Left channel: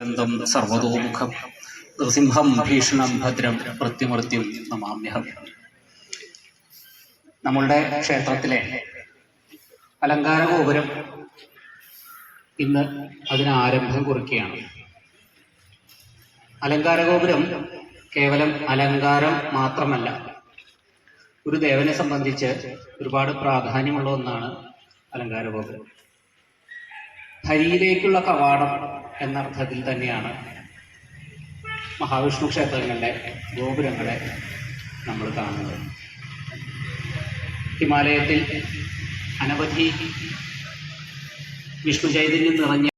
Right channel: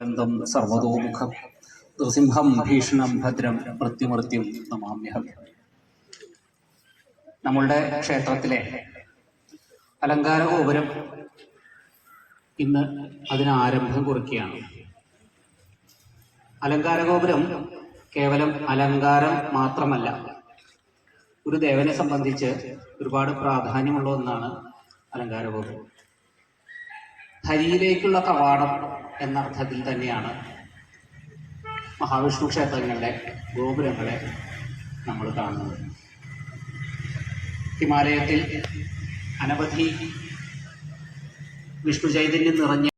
ന്തം സർവതോമുഖം നൃസിംഹം ഭീഷണം ഭദ്രം മൃത്യുമൃത്യും നമാമ്യഹം. നമ്മളുടെ ക്ഷേത്രത്തിലെ അലങ്കാര ഗോപുരം ഇന്ന് അതിന് ആരംഭം കുറിക്കുകയാണ്. അലങ്കാര ഗോപുരം കേവലം അലങ്കാരം മാത്രമല്ല, ഒരു ദേവനെ സംബന്ധിച്ച് ഒരുപാട് പ്രാധാന്യമുള്ള ഒന്നാണ് അലങ്കാര ഗോപുരം. ഹരിയിലേക്കുള്ള കവാടം എന്നർത്ഥത്തിൽ തന്നെയാണ് മഹാവിഷ്ണു ക്ഷേത്രങ്ങളിലെ ഗോപുരങ്ങളെ നമ്മൾ കാണുന്നത്. ഹിമാലയത്തിൽ അനവധി വിഷ്ണു ചൈതന്യം നിറഞ്ഞ